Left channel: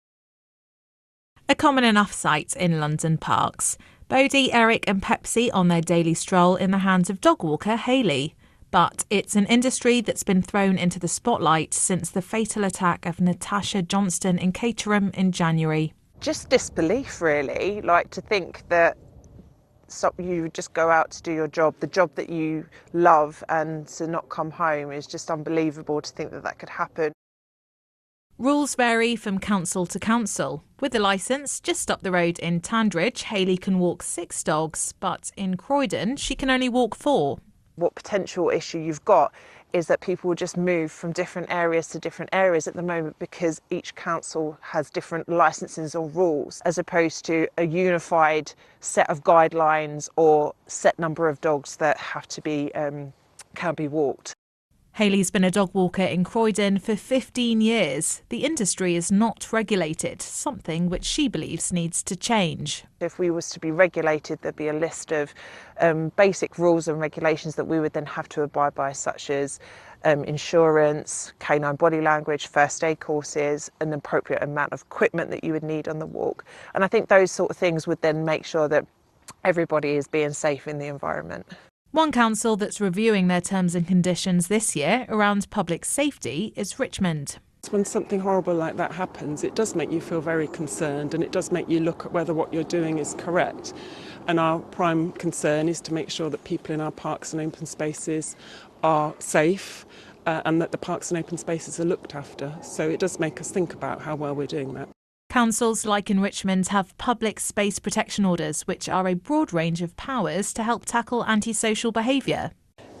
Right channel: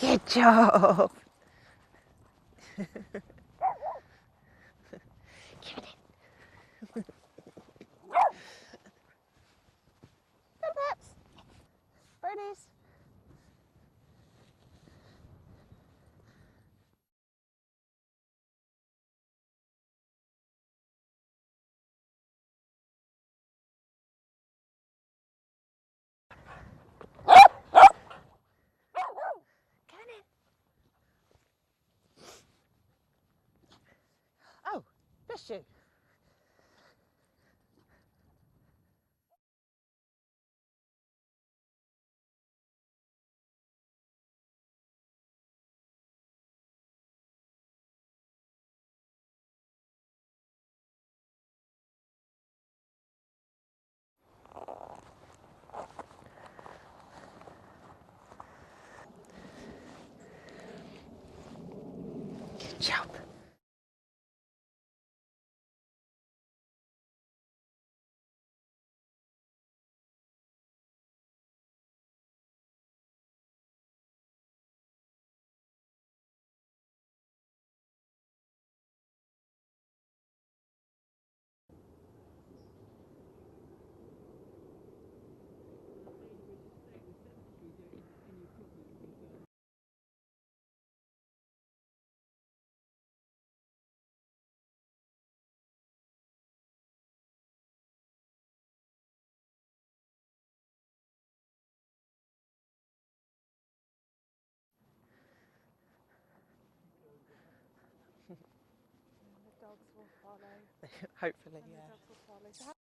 Good job. A common enough sight in London parks. Bodie, Eric and Pepsi on their daily stroll in the hands of dog walker Hayley. But it's an industry that's been thrown into the spotlight since the fatal attack of Natasha Johnston in Caterham in January. Just disbelief, really, like to think that you just go out to do your job, the job that you love, and to not come home is just unbelievable to think that that could happen. Rules vary from council to council. With a licence, just up the road in Tandridge, Hayley can walk 6 dogs, but in Croydon, she can only walk 4. What potential issue you've got is that people will just move from different areas to different areas at the moment because each council has different licences or rules, as opposed to a unified set of guidelines or set number of dogs that have to be can be walked. Hayley's been a dog walker in Croydon for 15 years. The industry is not regulated, something which she believes needs to change. If we was to be regulated, there'd be a list of basic rules and regulations that we would then have to abide by, such as insurance, canine body language, first aid courses, an appropriate amount of equipment that you would need on the walk. And I think those sort of things would then make sure that everybody is being safe in the environment. One council that's reviewing their terms and conditions this year around public safety is Richmond. When something horrible like that happens, it does make you feel very concerned, and it does make you look at whether what you're doing is correct. And our prime concern is to make sure that people in our parks and open spaces are safe and that the parks and open spaces are looked after. So it does make us think about how well we're doing that. Councils like in Richmond have public space protection orders, which are a broad range of powers to help tackle antisocial behaviour.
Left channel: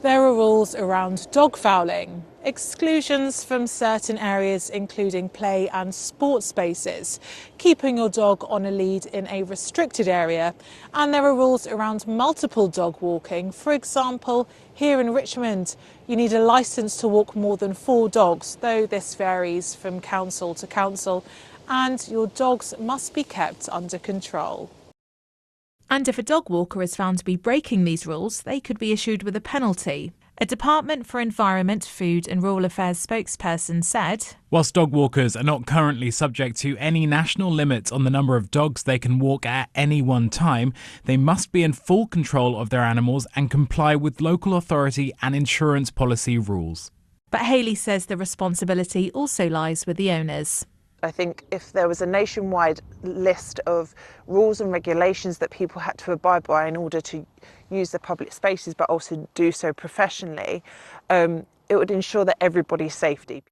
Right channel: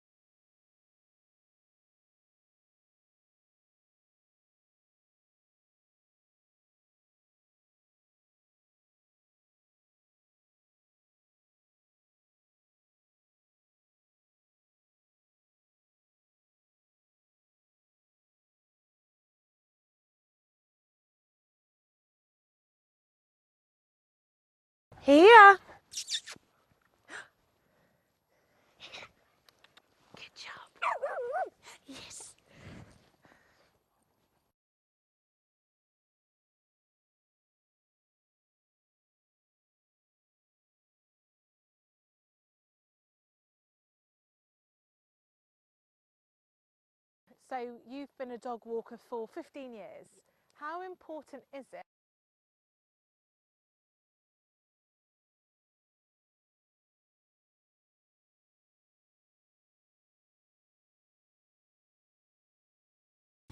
There are rules around dog fouling, exclusions from certain areas including play and sports spaces, keeping your dog on a lead in a restricted area, and there are rules around multiple dog walking. For example, here in Richmond, you need a licence to walk more than 4 dogs, though this varies from council to council, and your dogs must be kept under control. Here. And if a dog walker is found to be breaking these rules, they could be issued with a penalty. A Department for Environment, Food and Rural Affairs spokesperson said, whilst dog walkers are not currently subject to any national limit on the number of dogs they can walk at any one time, they must be in full control of their animals and comply with local authority and insurance policy rules. But Hayley says the responsibility also lies with the owners. I think if there was a nationwide list of rules and regulations that people had to abide by in order to use the public spaces, but also do so professionally, it would ensure that everybody's safety.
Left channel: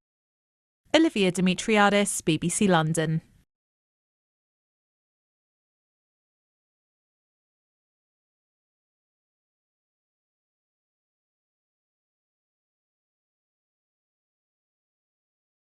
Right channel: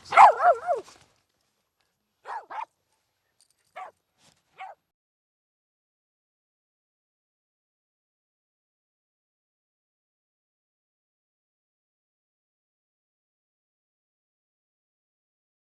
Olivia Demetriades, BBC London.